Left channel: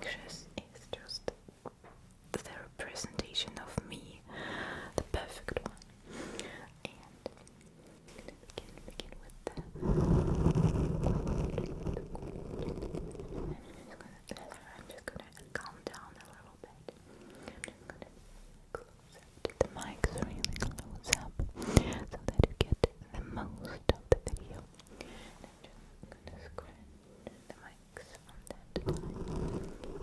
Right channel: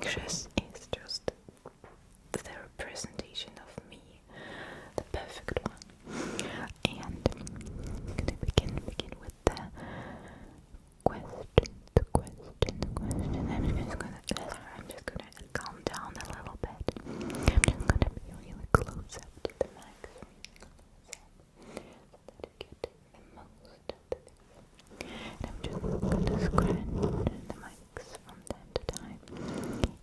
anxious is just the representation of me, the perfect one. And I'm gonna begin with the question. I'm just gonna calm down a little bit. I'm just gonna be really close up to the mics, really close up, so that you get the most of the video. And I'm just gonna scratch the mics from time to time.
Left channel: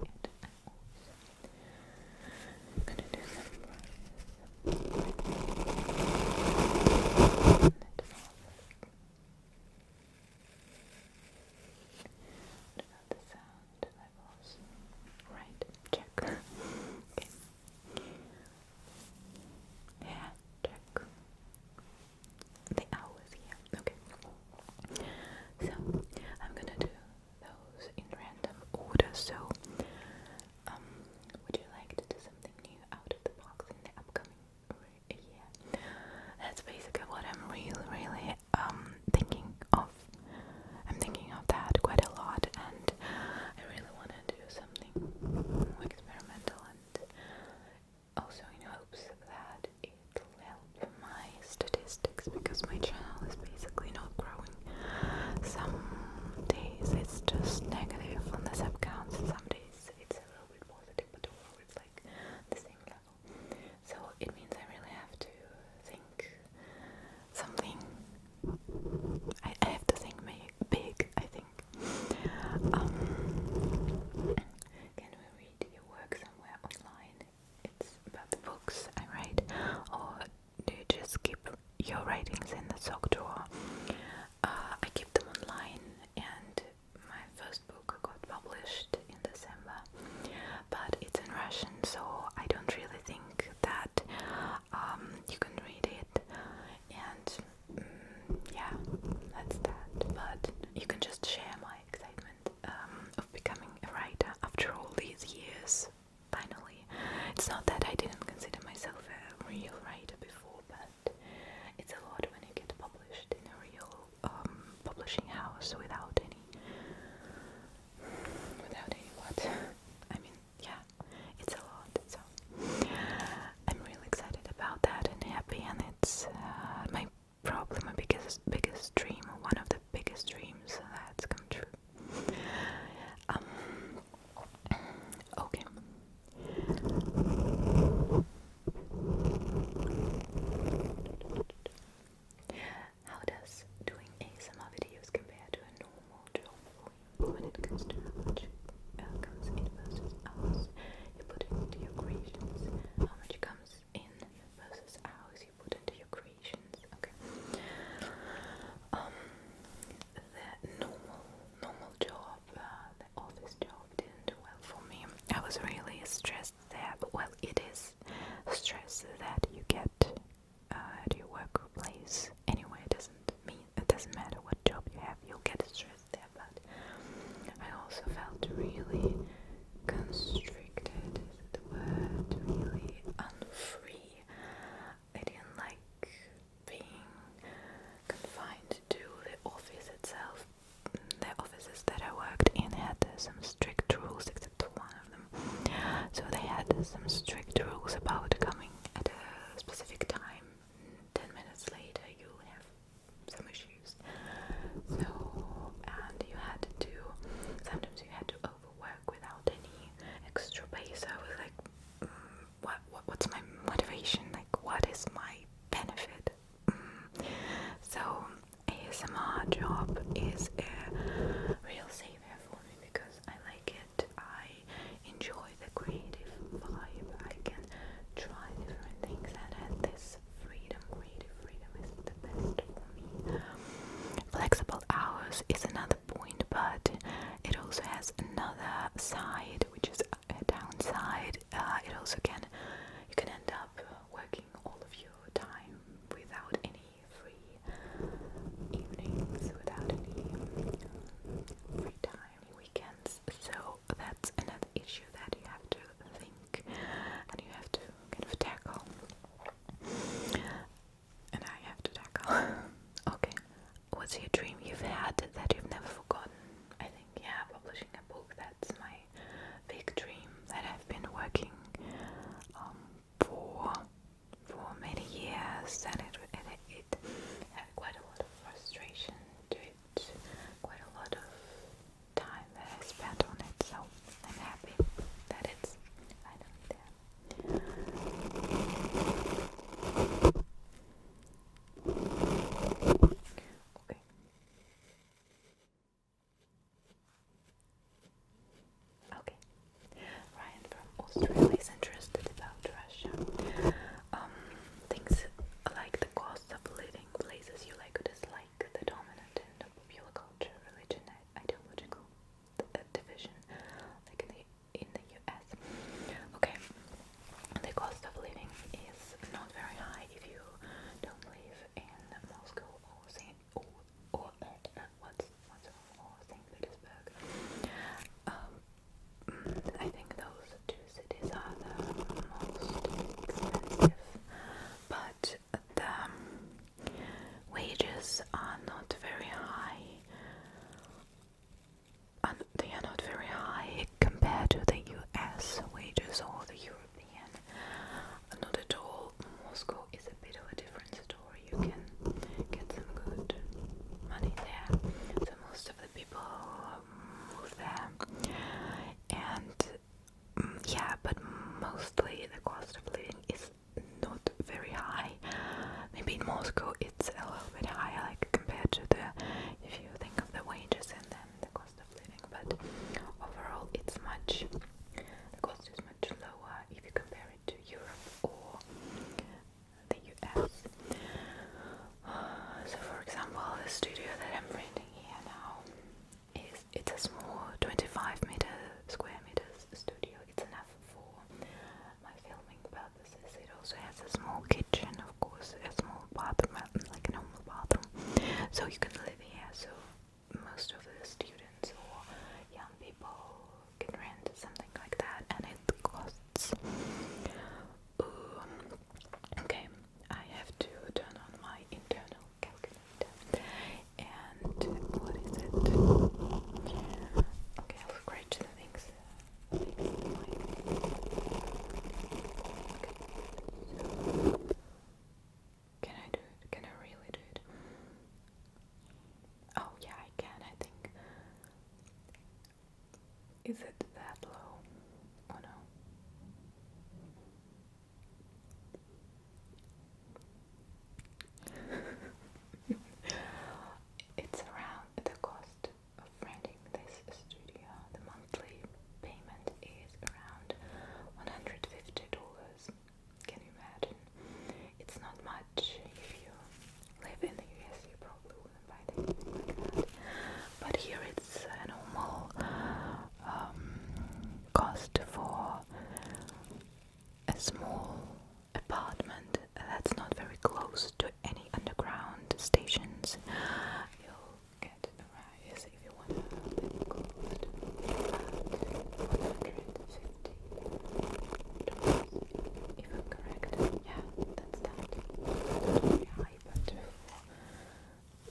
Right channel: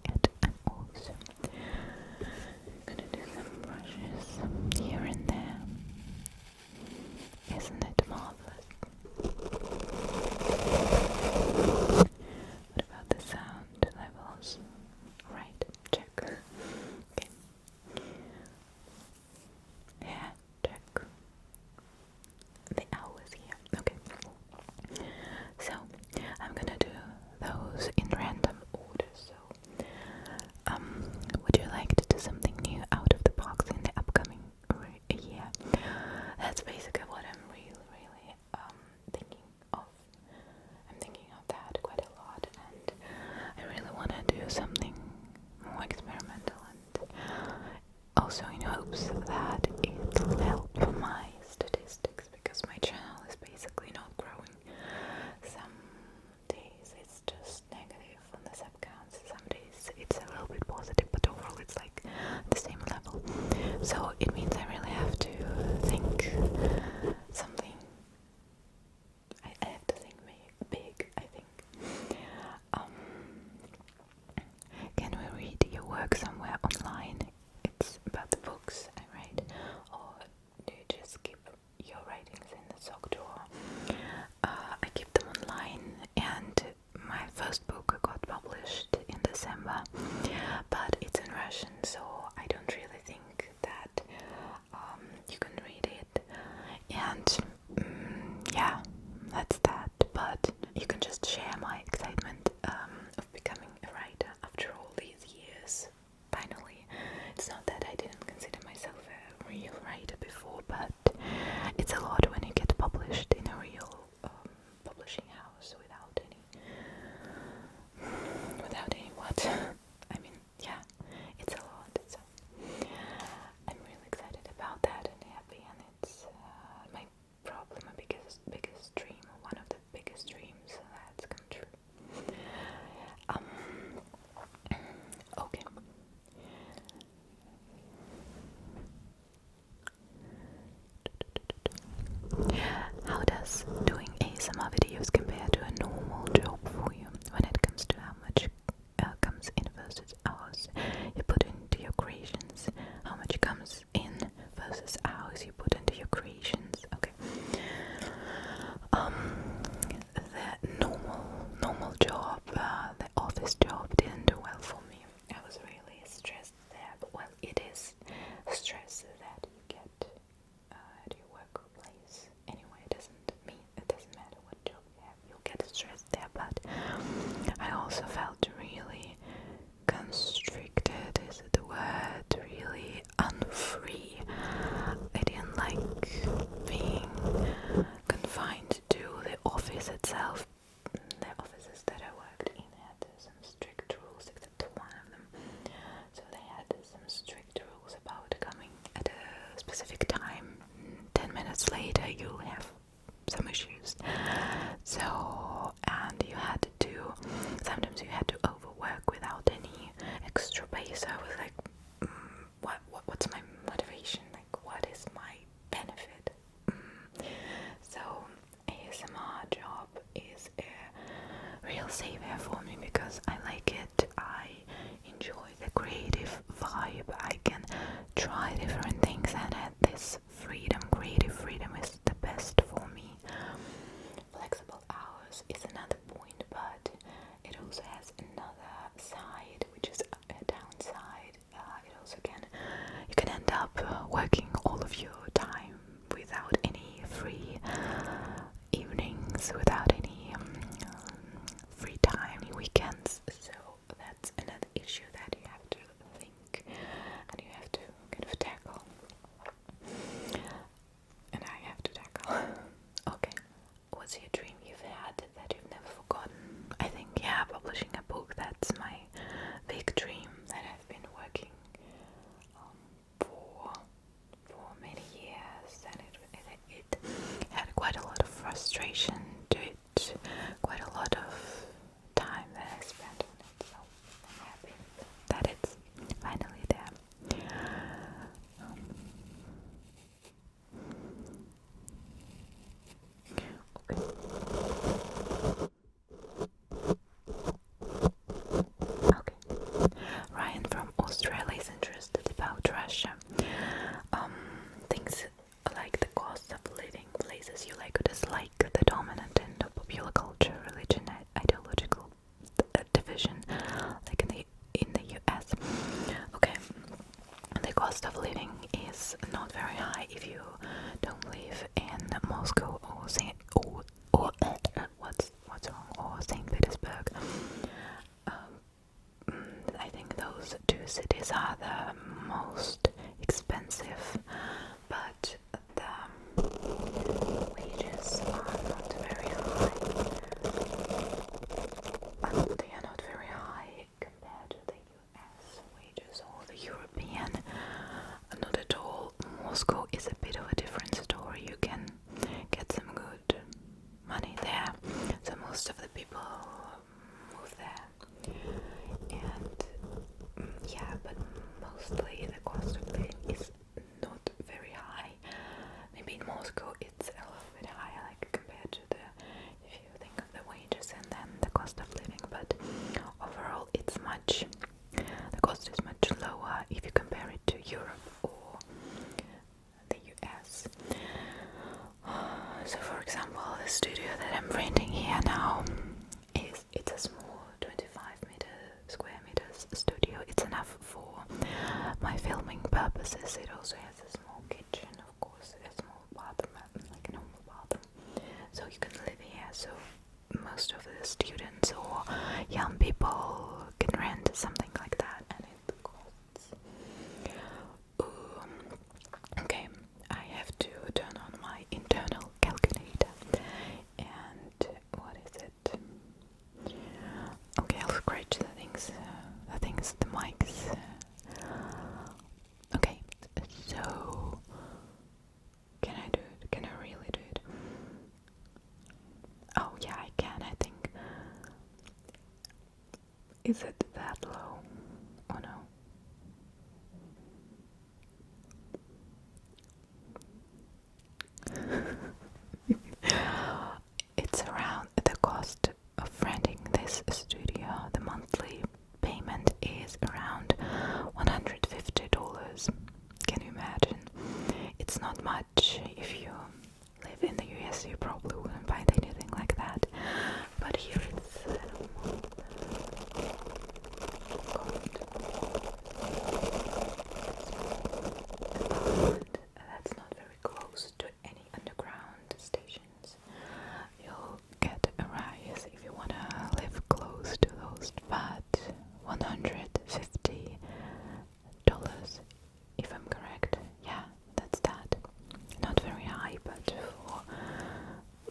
And I'm also gonna do some brushes here and there. Isn't that marvelous? What about the sound levels? Right, check. Okay. Yeah, check. The hours here. Okay. So I'm gonna do those in random order. So would you like to do something new out of the box in the upcoming year? That's basically what I'm really thinking of. I'm thinking of that quite a lot, and I really want to do something more experimental, and also in hopes that it'll help my statistics, because my channel is basically not growing. Some days it's just negative on the sub counts, some days it's a little bit positive, but overall it's like the same level. So it means I really have to think something. I have to think big, I think. Can we read your work somewhere online? It's about the books I write, or do you just keep your writings in the sock drawer? I keep them online, and my first book got published in December, but it's in Russian, so I don't really think that you can read it. And yeah, that's that. But you can just share my excitement of becoming a writer after all these years. Finally, it's not that I didn't consider myself a real writer before, but it's a lot when you get published in a real publishing house without any what? I mean, yeah, it's a lot. So I'm really excited about that and happy, and it's my probably my biggest dream, one of the biggest dreams that's come true. Okay. How does doing ASMR videos compare to a normal job for you when it comes to how much comes in versus hours you put into your creations? How much comes in versus hours you put into your creations? Okay. The normal job, the office job didn't do well for me. I was really stressed there, but well, it is stress that you get at your workplace. Anyway, it doesn't matter what job you have, you'll get stressed there, but I also felt really constricted, is it the word, really unfree. I didn't like being confined to the office itself. The offices that I worked in had some strict rules, except one of them. So they had some strict rules about coming at a specific time. 10 minutes later you'll have some issues. So, and sometimes you had to overwork without any extra pay. So I was like, what's my motivation? Like, what is my benefit? So ASMR job is a real savior for me because I like it. I enjoy the creative vibe. I can try different things and have this freedom. Creative freedom is the best for me. Flexible hours is another point, but it also has another side, which is a downside, Australia is interested about Russia. Things like the cost of living, places you like or dislike, the dominant in the popular culture, religion, ideological division, like in the US. Okay, the cost of living is not very high if you don't live in Moscow or St. Petersburg. I think those two cities are the most expensive, but the wages are not very high. They are not very high compared to the US wages or the European. Not at all. Moscow is a bit of a different story. You can get some good money there. So most of the people move there. And yeah, but mostly the cost of living is not very high. Maybe in Moscow it's a little bit higher, like compared to if you think of the wages and then the cost of living, but overall the cost is much lower if you compare it to Europe or the US. So for example, the studio that I'm renting here now it's a small 25 square meters studio. It's enough for my filming purposes. It also has a small kitchen, of course, a small bathroom, like a normal bathroom. So you can live here. So most of the students or young people can rent something like that, and it costs. Okay, I have to turn on my internal calculator. And what is it? Okay, I'll scratch the things, the mics. Okay, so can I do it? Can I really do it? Oh yeah, I can, I think. Is it that low? Oh no. It's around the cost of renting this studio. The monthly payment is around $150. Can you imagine? It's not much. If you live in the US, you probably wouldn't buy anything like that. But here it's a normal cost for a small apartment that's not very close to any underground stations. You'll get a rise if you want to live close to those, but $150, if I'm correct. Yeah, that's that. Not very high,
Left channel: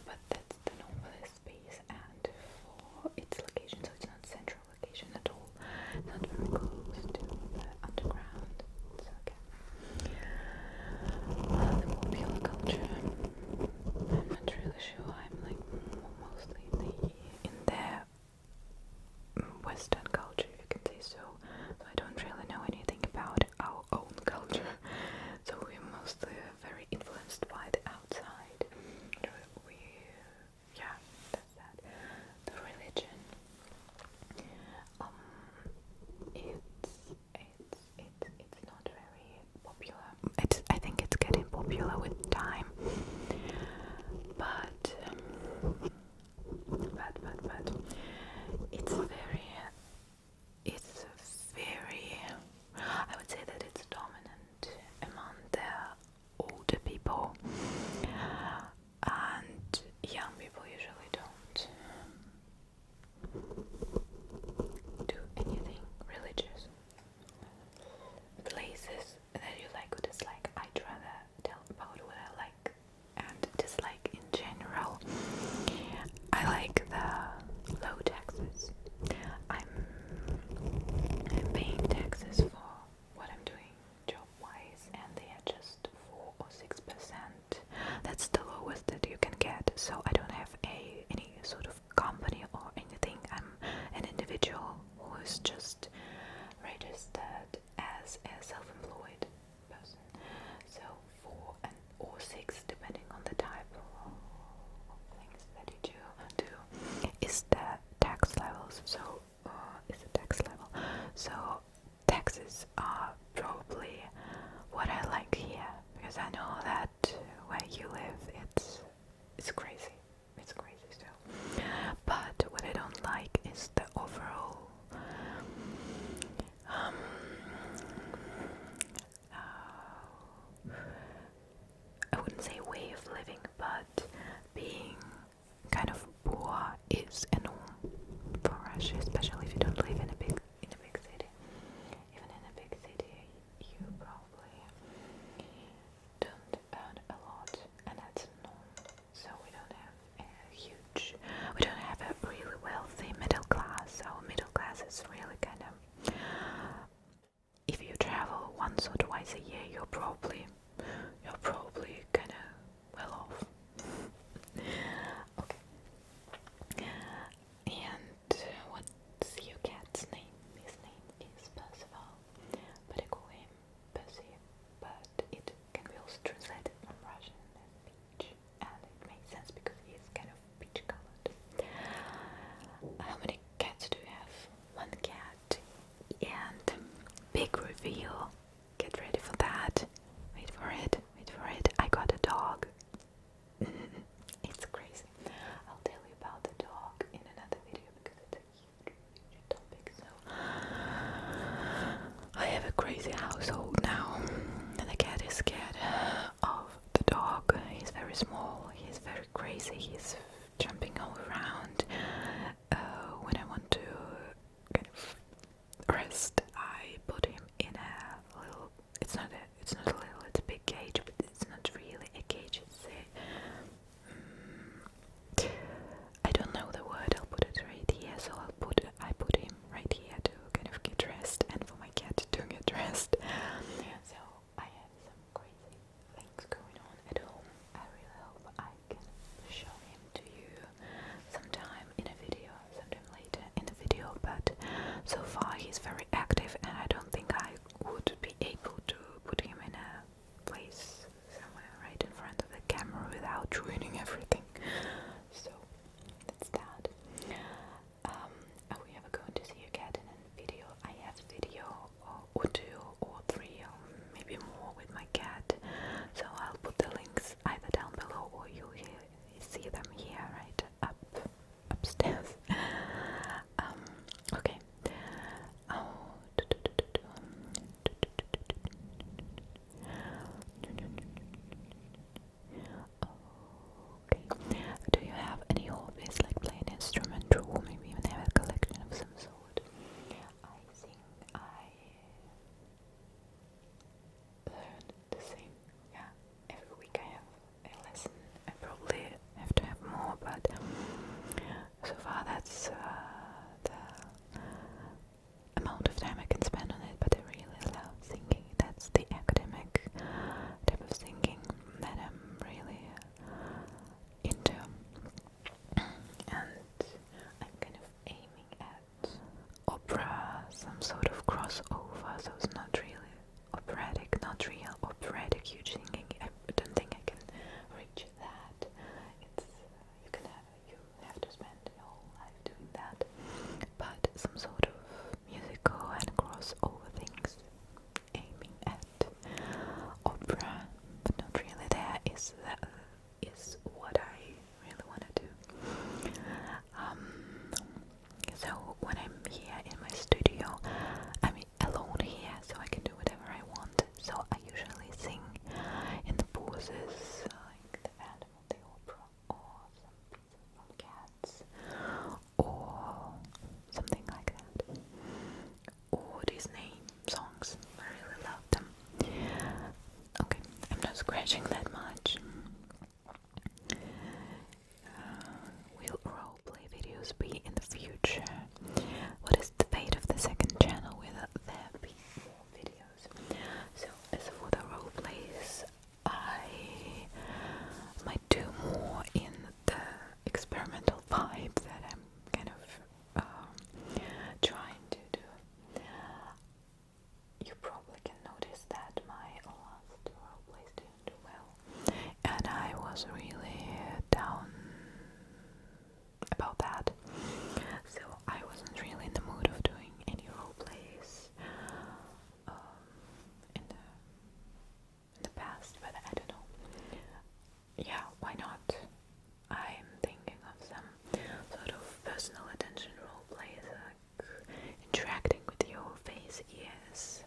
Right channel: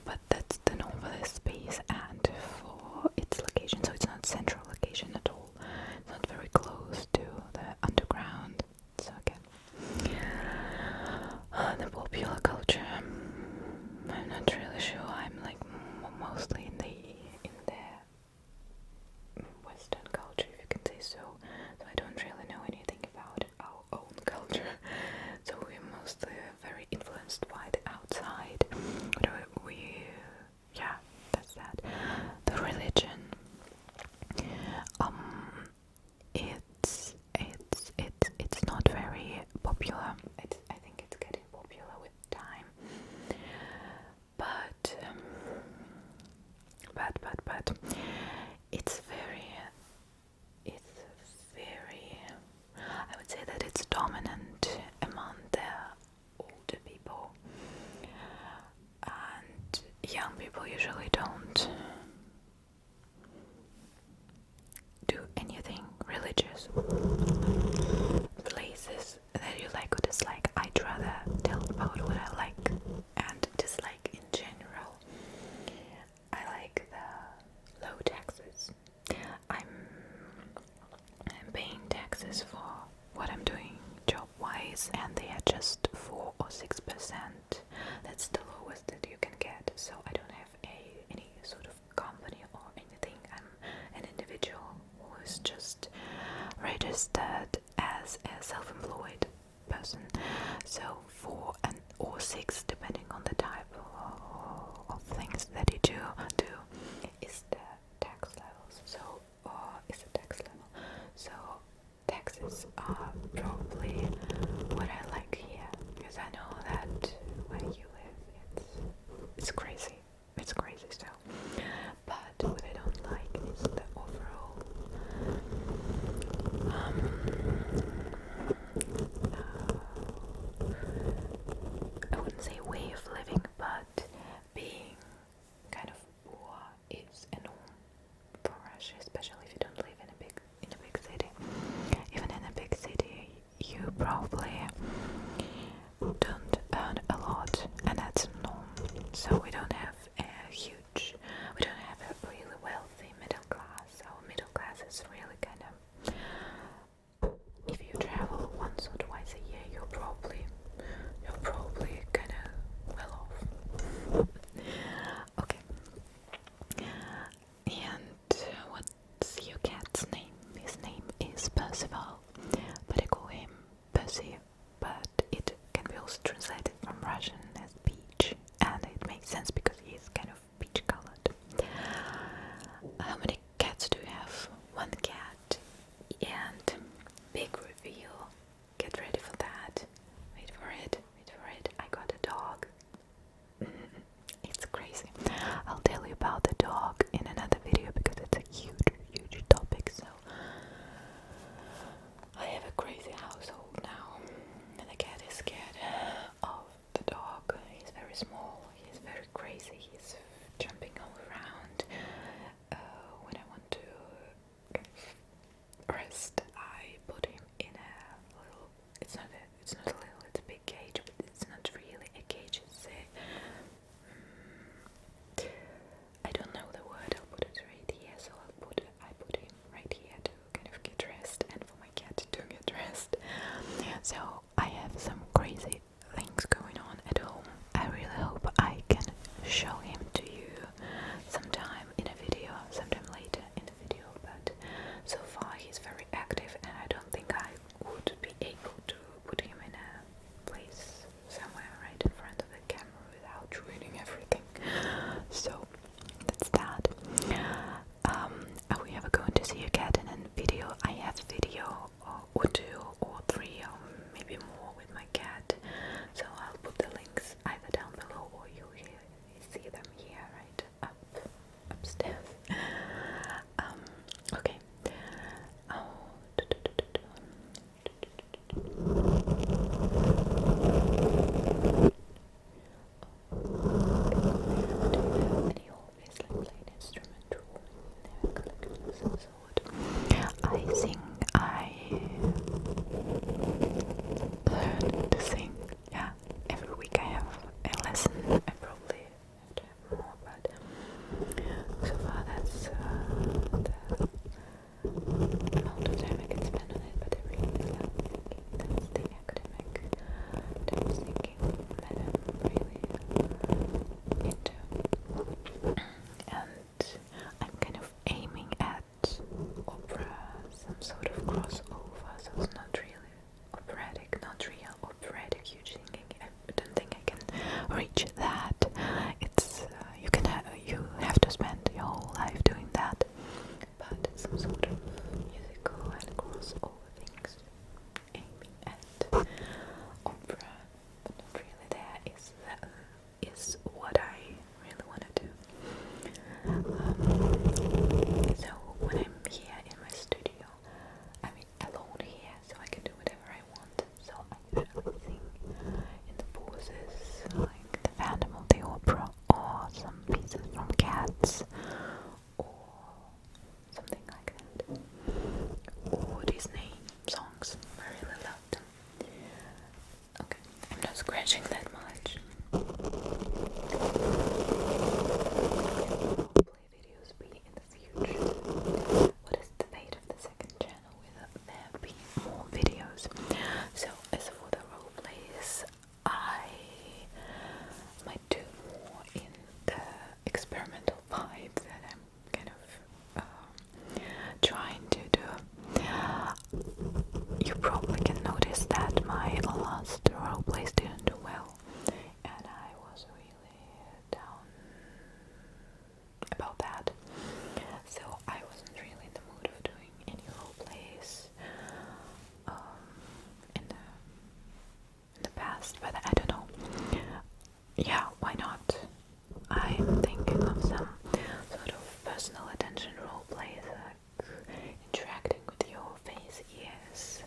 but that's the normal space and for its location, so it's not central location at all. Not very close to the underground. It's okay. The popular culture, I'm not really sure. I'm like mostly in the Western culture, if you can say so. So I don't really know anything about our own culture. So we're mostly very influenced by the outside. Yeah, that's that. The religion. It's not very popular. I think it's getting popular with time. But it's very I would say that it's dominant among the older people, and young people usually don't do anything religious. Places that you like or dislike, I'd rather tell about what I like and dislike in general. I like the low taxes. I'm paying taxes for what I'm doing job-wise, and they are just 4 or 6%. That's the lowest that you can get. So I don't have any sort of company or anything. I'm an individual who is just registered as a self-employed person. So 4 or 6, depending on the type of things that you do is the tax levels. So taxes are crazy household now. And the cat is scared of the dog. He's very small, he's very crazy, he's jumping all around. When I want to kind of rest, I put him in a little, it's not a little, it's a big cage, but it's not really a cage, it's a, I don't know the word, I'll put it right here, so I put him right here to kind of get dressed, and for my cat to get dressed. So I have some crazy things going on at home. I really hope I can show him to you sometime in a video, sometime later in the video, but so far he's very active and I don't think I would be able to put him in a place somewhere right in front of the camera without ruining everything. So that's that. Are we ever going to see a cat in a video? I have a video or two or three or maybe more with my cat, so I'll put the links either down below or you see them here right upstairs. Okay. Do you have any hobbies like playing an instrument or maybe even have a collection of some sort? I sing. I learn to sing. Yeah, every week I have a lesson. I probably have to have more, but so far that's the amount of time I can spend on it. But I really love singing. That's the academic type of singing that I'm really into, and I'm kind of aiming at opera, some sort of crossover, so it's not really operatic, not real operatic huge singing. I don't think I can reach that. It's you have to spend your whole life doing that, but some sort of musical and crossover things aiming at opera, but not really there is what I really want to do. So when I'm here in my studio, I'm alone here, so I can do whatever I want. So I usually sing in the pauses, like the Phantom of the Opera, or some pieces from Cats, or something like that, or Disney songs. I really love them. Okay, I'm not scratching that much. Will roleplay videos be in the future? What is the fate of the second channel? Will there be more videos? So as for the roleplays, I might do more in the experimental vibe that I'm kind of trying to do. You probably can notice that my last roleplays didn't do well, and I was really down about that. So I wasn't really in the mood of doing any roleplays in the past, but I don't know. Yeah, why not? I'm thinking of some sort of personal attention roleplays, like interacting with your face, yes.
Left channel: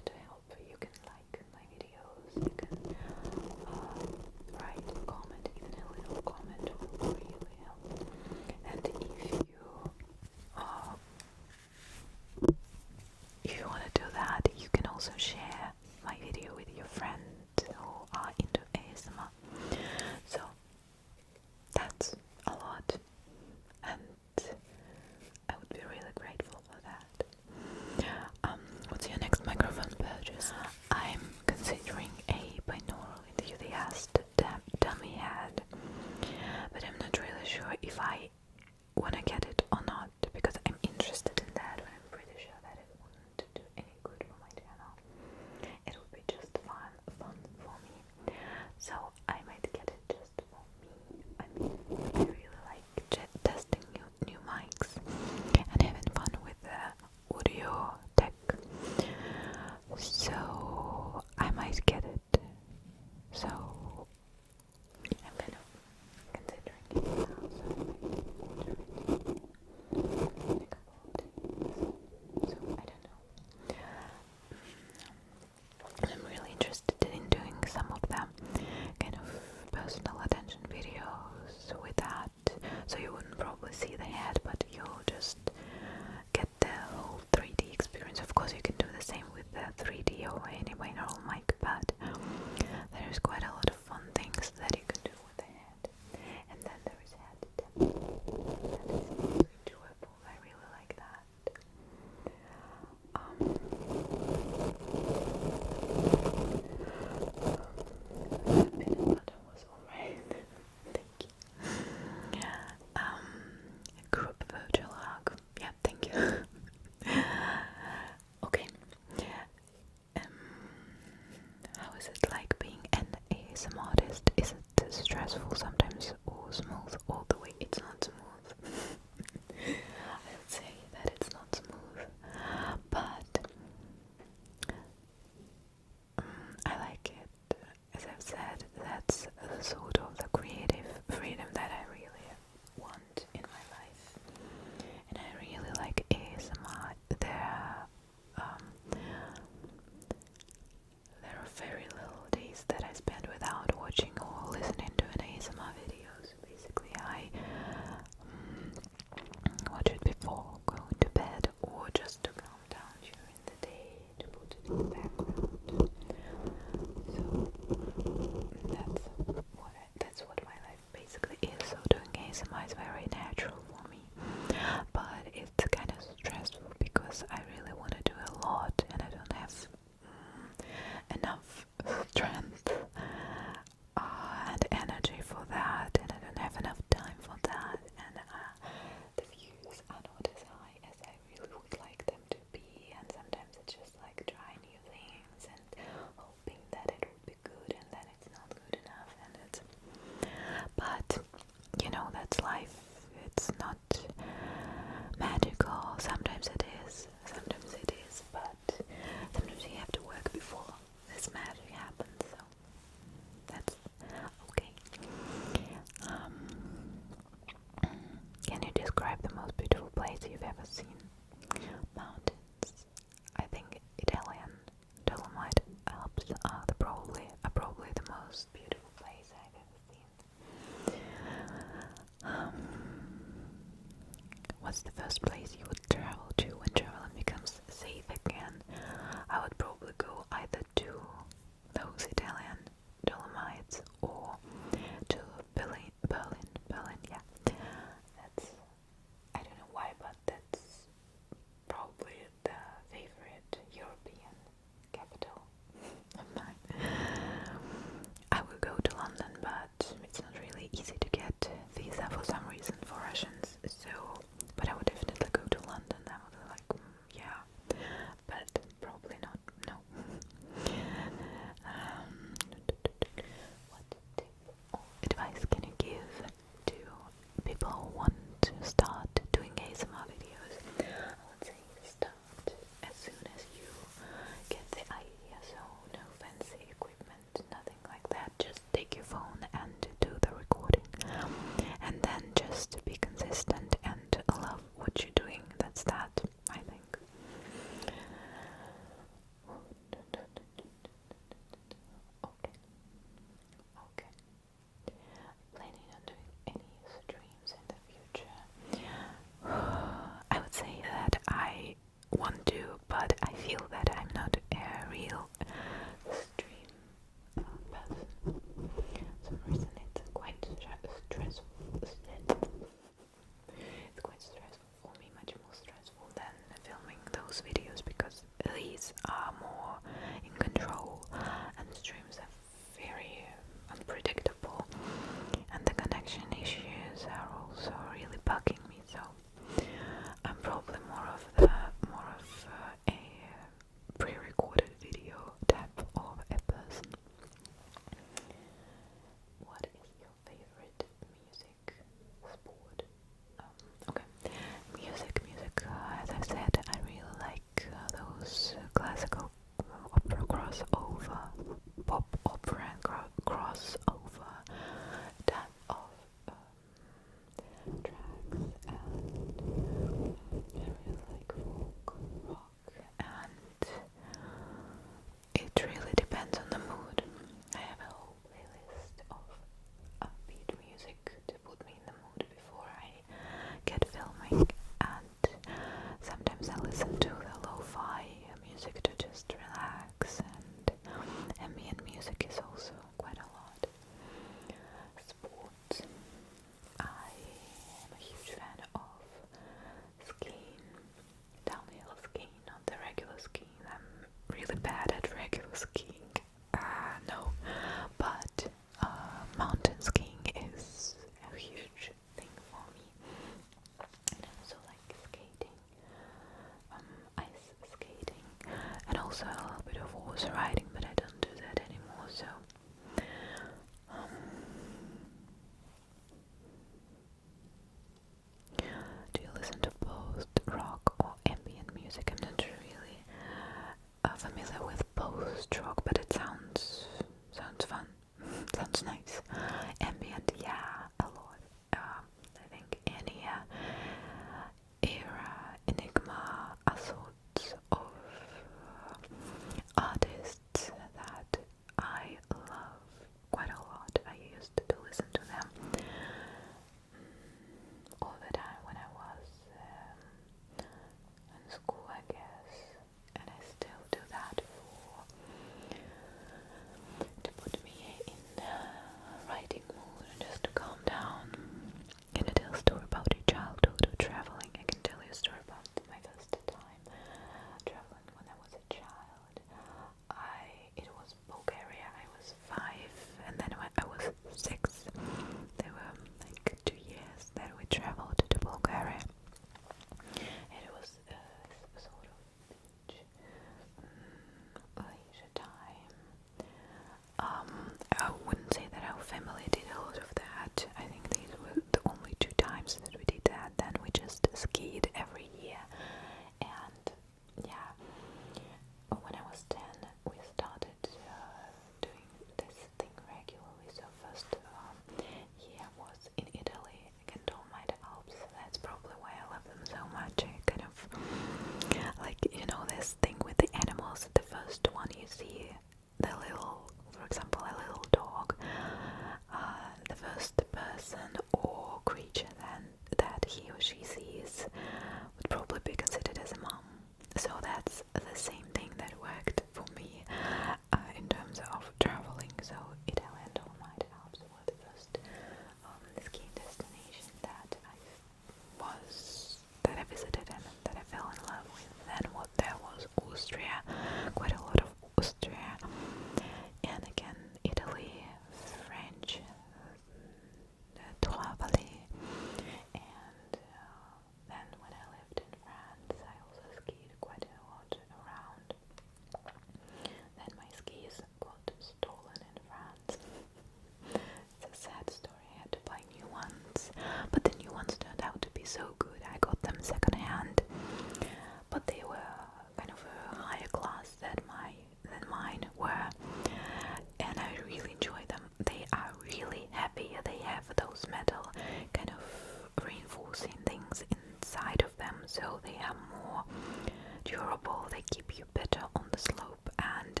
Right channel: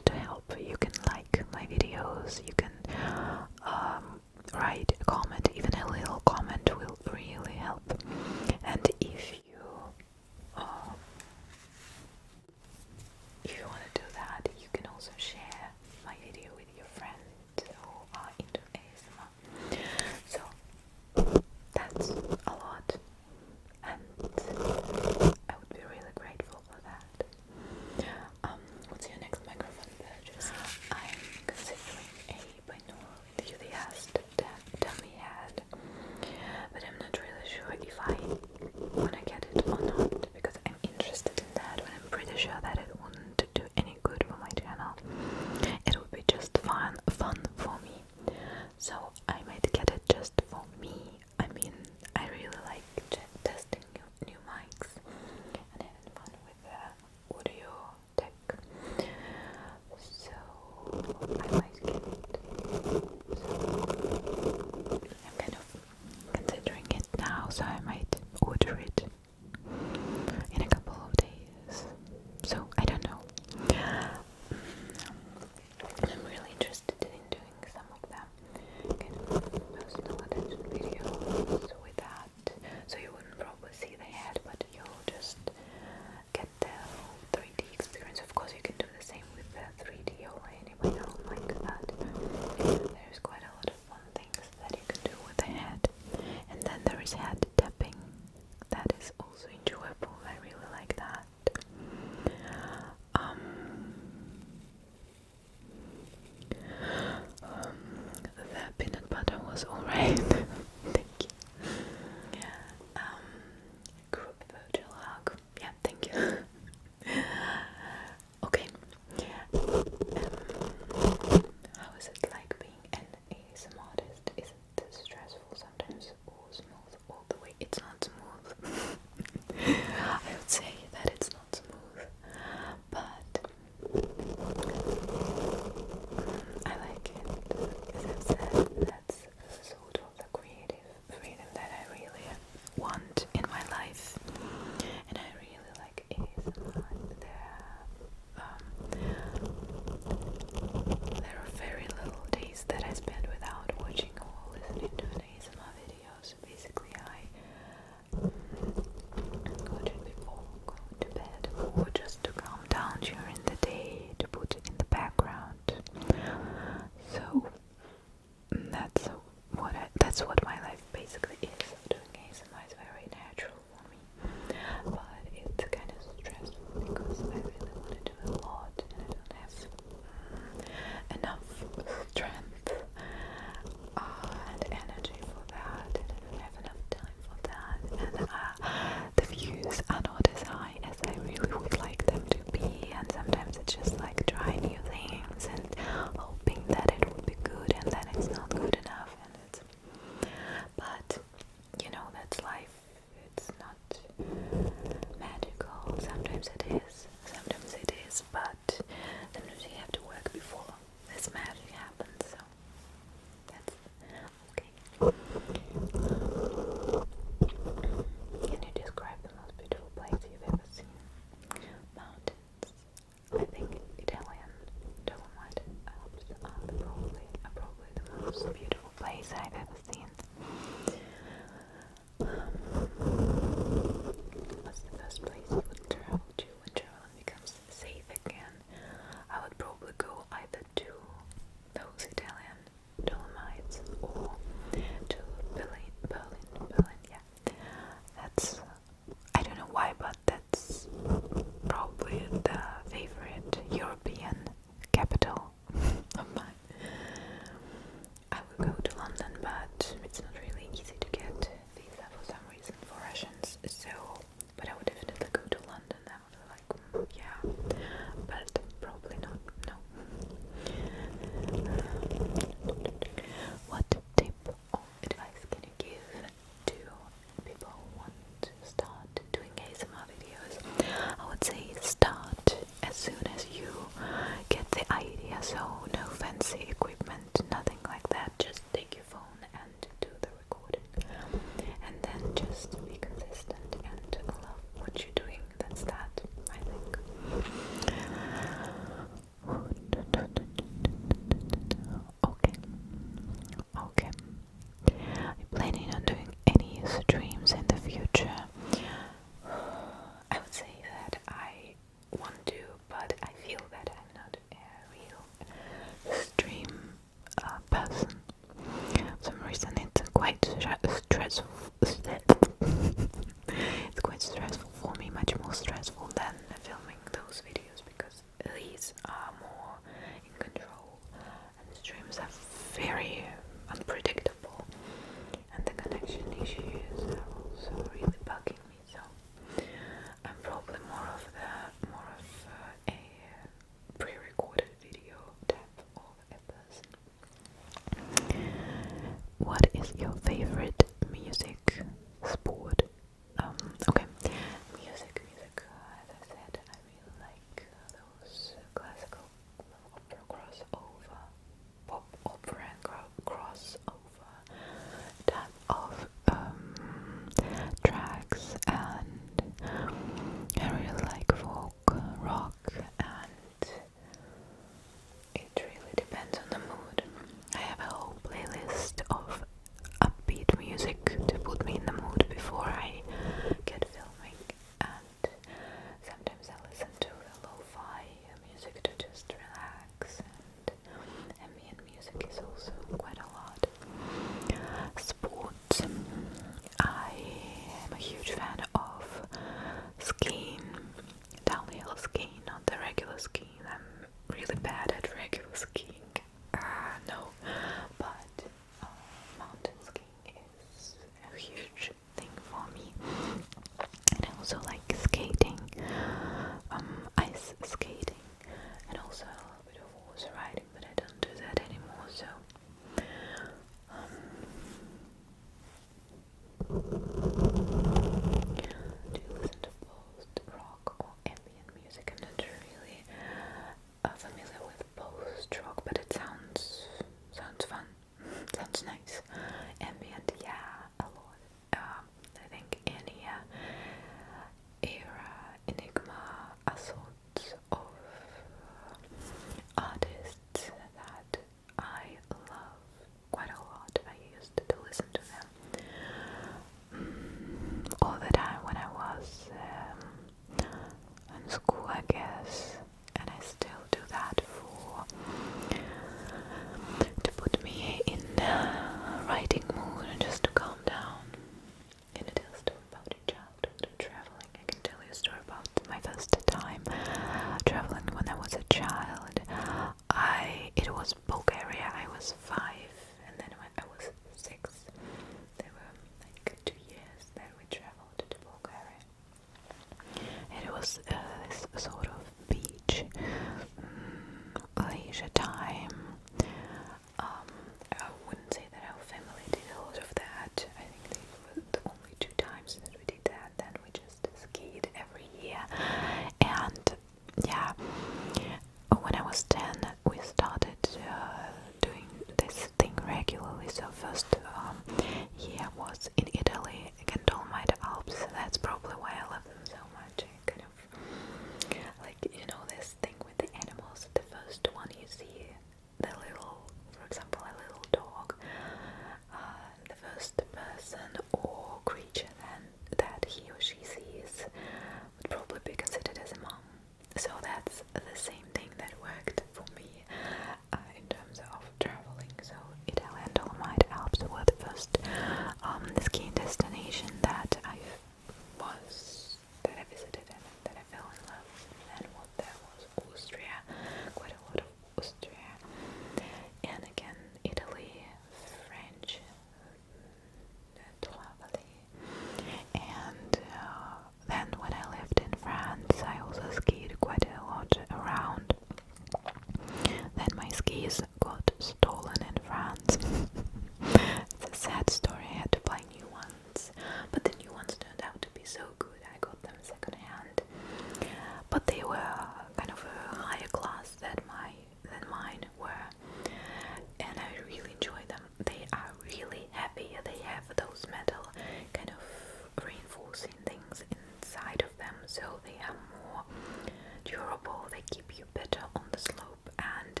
they keep you better on the slope, and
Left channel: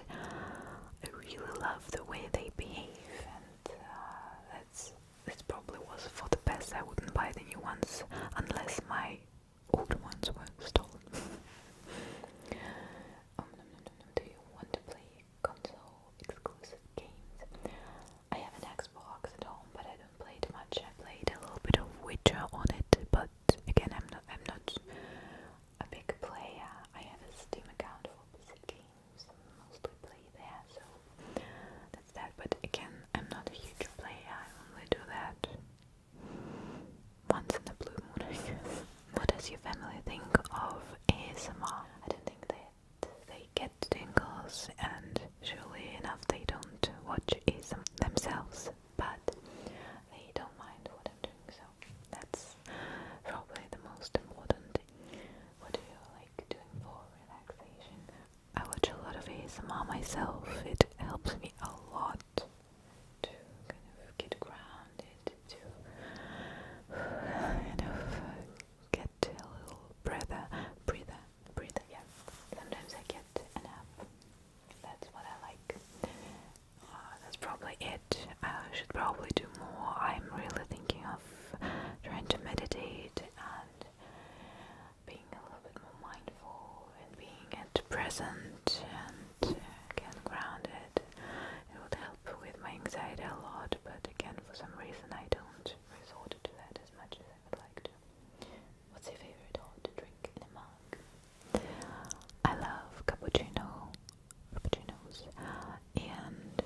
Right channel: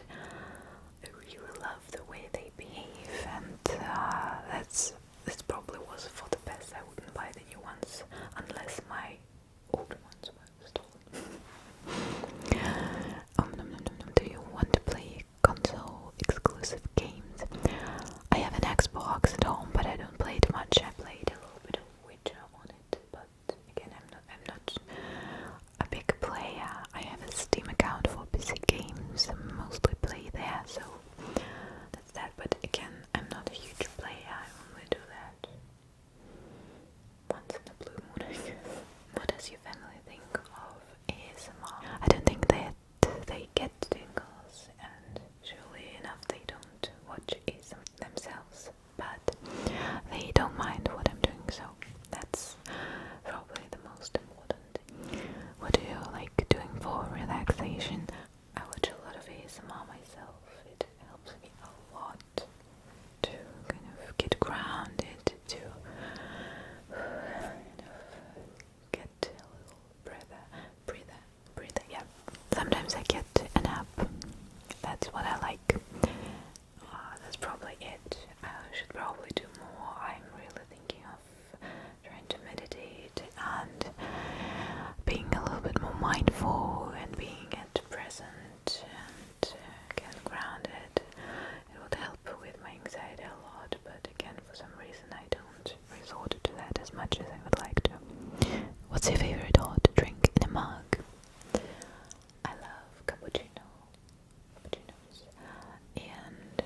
I really love the way they behave, and that's probably was for the best. I wouldn't buy the new ones unless my older ones were stolen. Do you want to play console exclusive games? I have an Xbox at home, but I don't play it much. I played a little bit of Witcher on it, but again, I'm not a big player. I have a Steam account for PC games. I mostly play there, so that's that. But again, I'm not a huge player. I only do that once in a blue moon, I guess. What does your family think of ASMR? I don't think that they get tingles, and surely enough they don't watch ASMR themselves, but they don't mind what I'm doing, so that's probably the most important. What do you like doing for relaxation? I watch a lot of ASMR myself. It helps me a lot to kind of get grounded, to kind of get a little breather, yeah. Sometimes I get a nap. That's what I like. That's probably it. I should probably do more. I'm really thinking of trying to meditate and being a little bit more mindful and being at present and get grounded. It would help with my anxiety a lot, but again, for some reason I don't resort to that as much as I would like to. What's your favorite hot drink in a mug? I love cappuccinos, and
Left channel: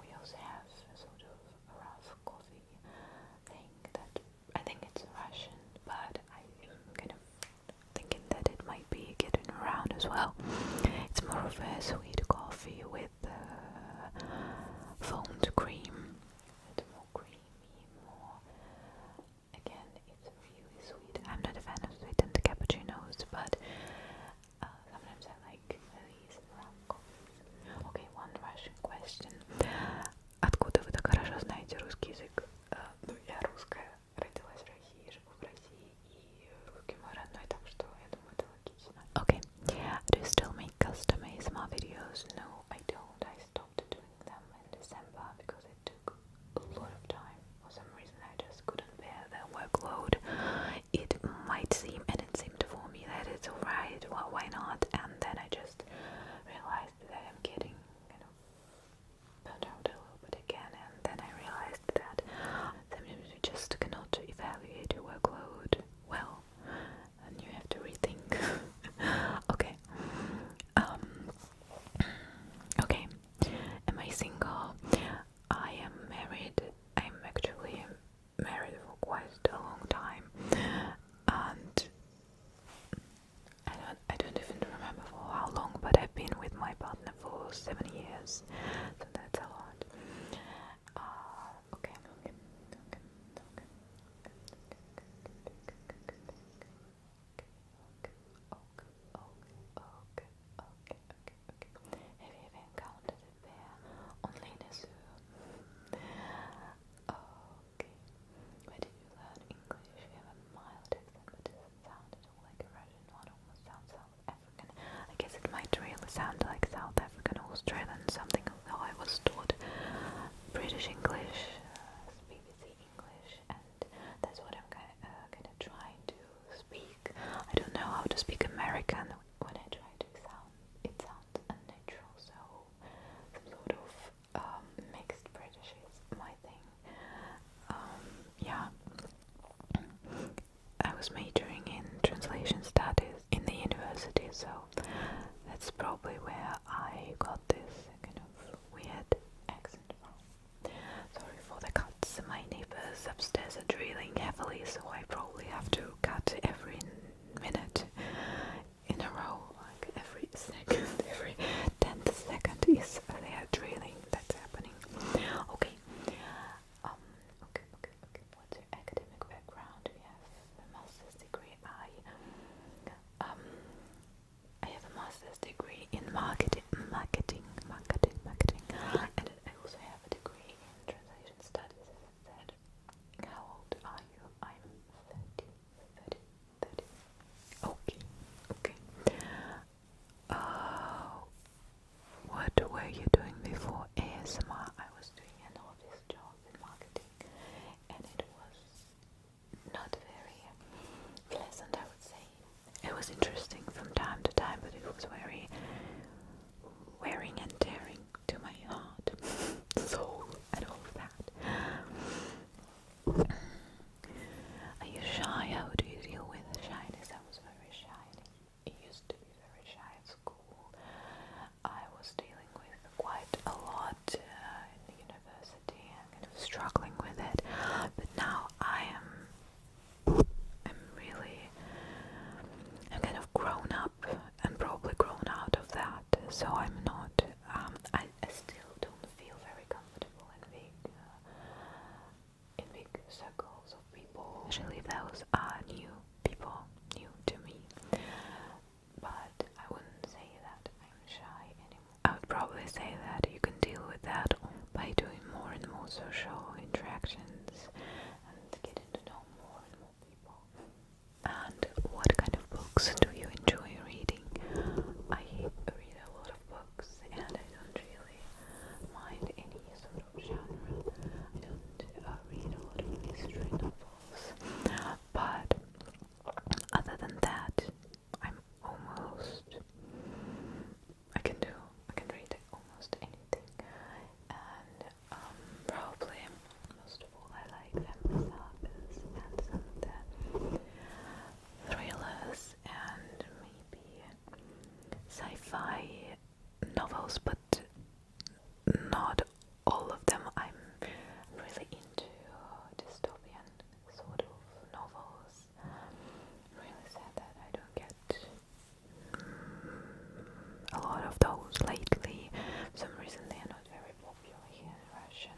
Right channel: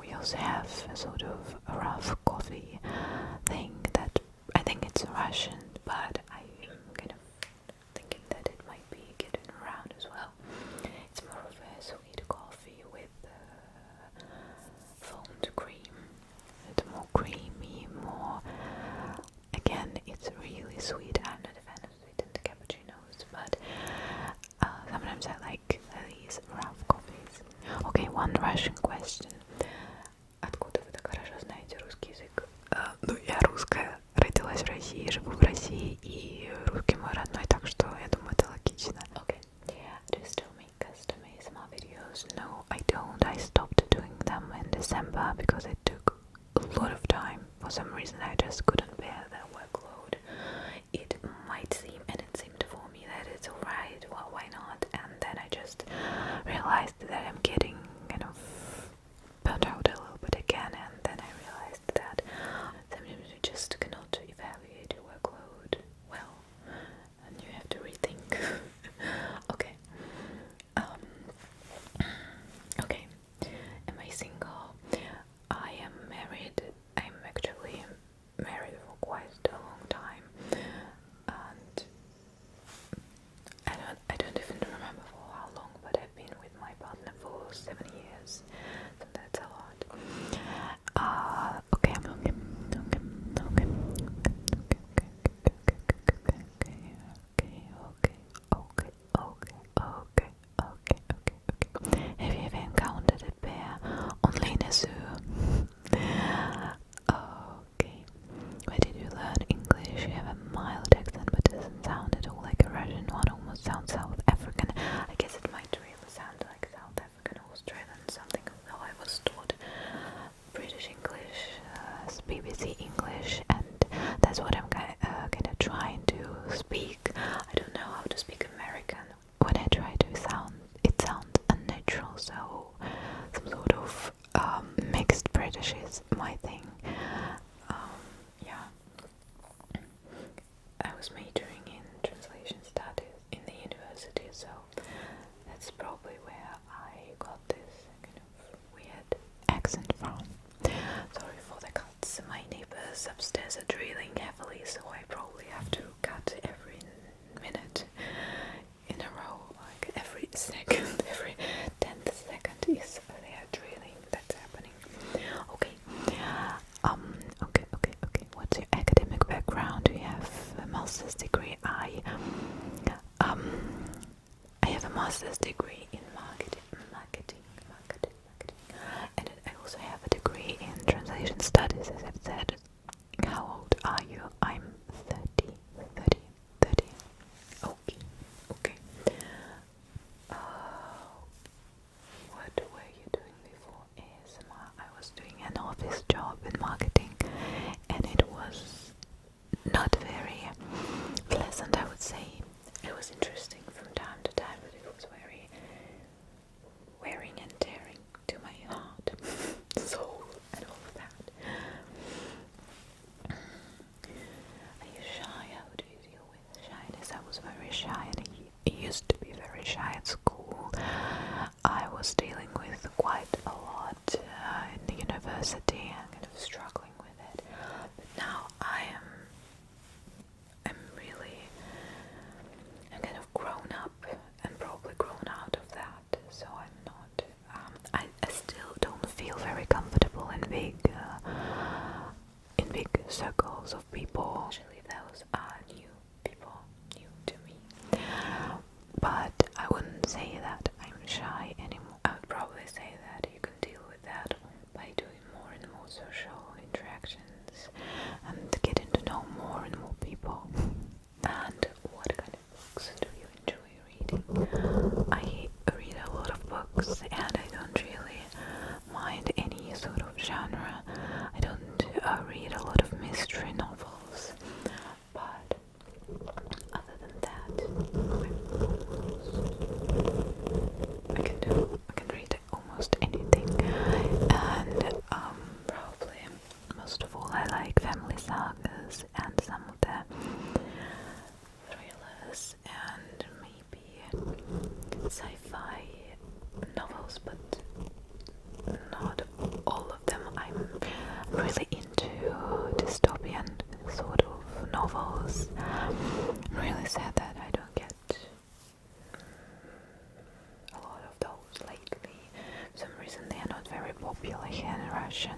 we also have a sort of a rough coffee thing that I think it's Russian, but I'm kind of thinking that it might be getting around as well. It's more of a sweet coffee with foamed cream. It's more creamy, more. Again, it's really sweet. I'm not a fan of sweetened cappuccinos, but sometimes I like these rough coffees. Okay, one Russian question. Откуда вы так хорошо знаете русский язык? Ну, я русская, родилась в России, живу в России, и русский мой родной, так что я думаю, это логично. Okay. Do you still make custom ASMR videos? No, I don't. I stopped doing them in December because it took a lot of time. For some reason, I just couldn't bear that workload. It might seem, and it seemed for me, that it's alright, well, why not? And then I just realized that I'm getting kind of burnt out a little bit again, and then I realized that sometimes you just cannot evaluate your workload well, and you have to rethink. Okay. Okay. Am I single? I am married. I'm actually married for quite a long time, and I don't even remember for how long, but I've been with my partner for 7 years, so that's a lot. Okay. Have you ever encountered a bear only in a zoo? Okay. Where did you learn English? You have a mild accent, but it doesn't sound at all like a Russian one. Almost sounds South African. I guess it might really sound like South African or Australian, something. Though I was taught British English, BBC English, and that's what I'm kind of trying to speak. I don't know how to speak American. When I try to it sounds unnatural, so some sort of mixed British is my thing. Yeah. I was majoring in translation studies in the university, so that's probably where I got this kind of weird accent from. Sorry for the cuts. My neighbors upstairs are drilling heavily, so I probably have to cut every minute in a row, like every second, every 10th second is they are drilling. That's happening. Okay. Okay. What's your academic background? Do you have a master's degree? I have a master's degree in marketing, and I also have a degree in translation studies, as I've said. How old are you? I'm 30. Okay. very shy at school. I was dealing with quite a lot in the university and kind of struggling with it. But now I'm kind of grown up and probably grown out of that. So I'm not, I still don't feel very comfortable in big circles of people. Actually, those are new people, new to me. But I wouldn't say that I'm shy anymore. I would probably say that you can deal with that by doing more and more social interactions and getting to know more and more people. And what kind of books do you enjoy reading? I read a lot of books and I don't really mind any sort of genre. I don't read a lot of mystery novels, but other than that, I can read almost anything. And probably most of all I like family sagas and some of the thrillers and maybe sci-fi novels, but not all of them. I'm really into dystopian sort of novels. I'm really sad that I don't get a lot of those lately. For some reason they are not very popular here in Russia.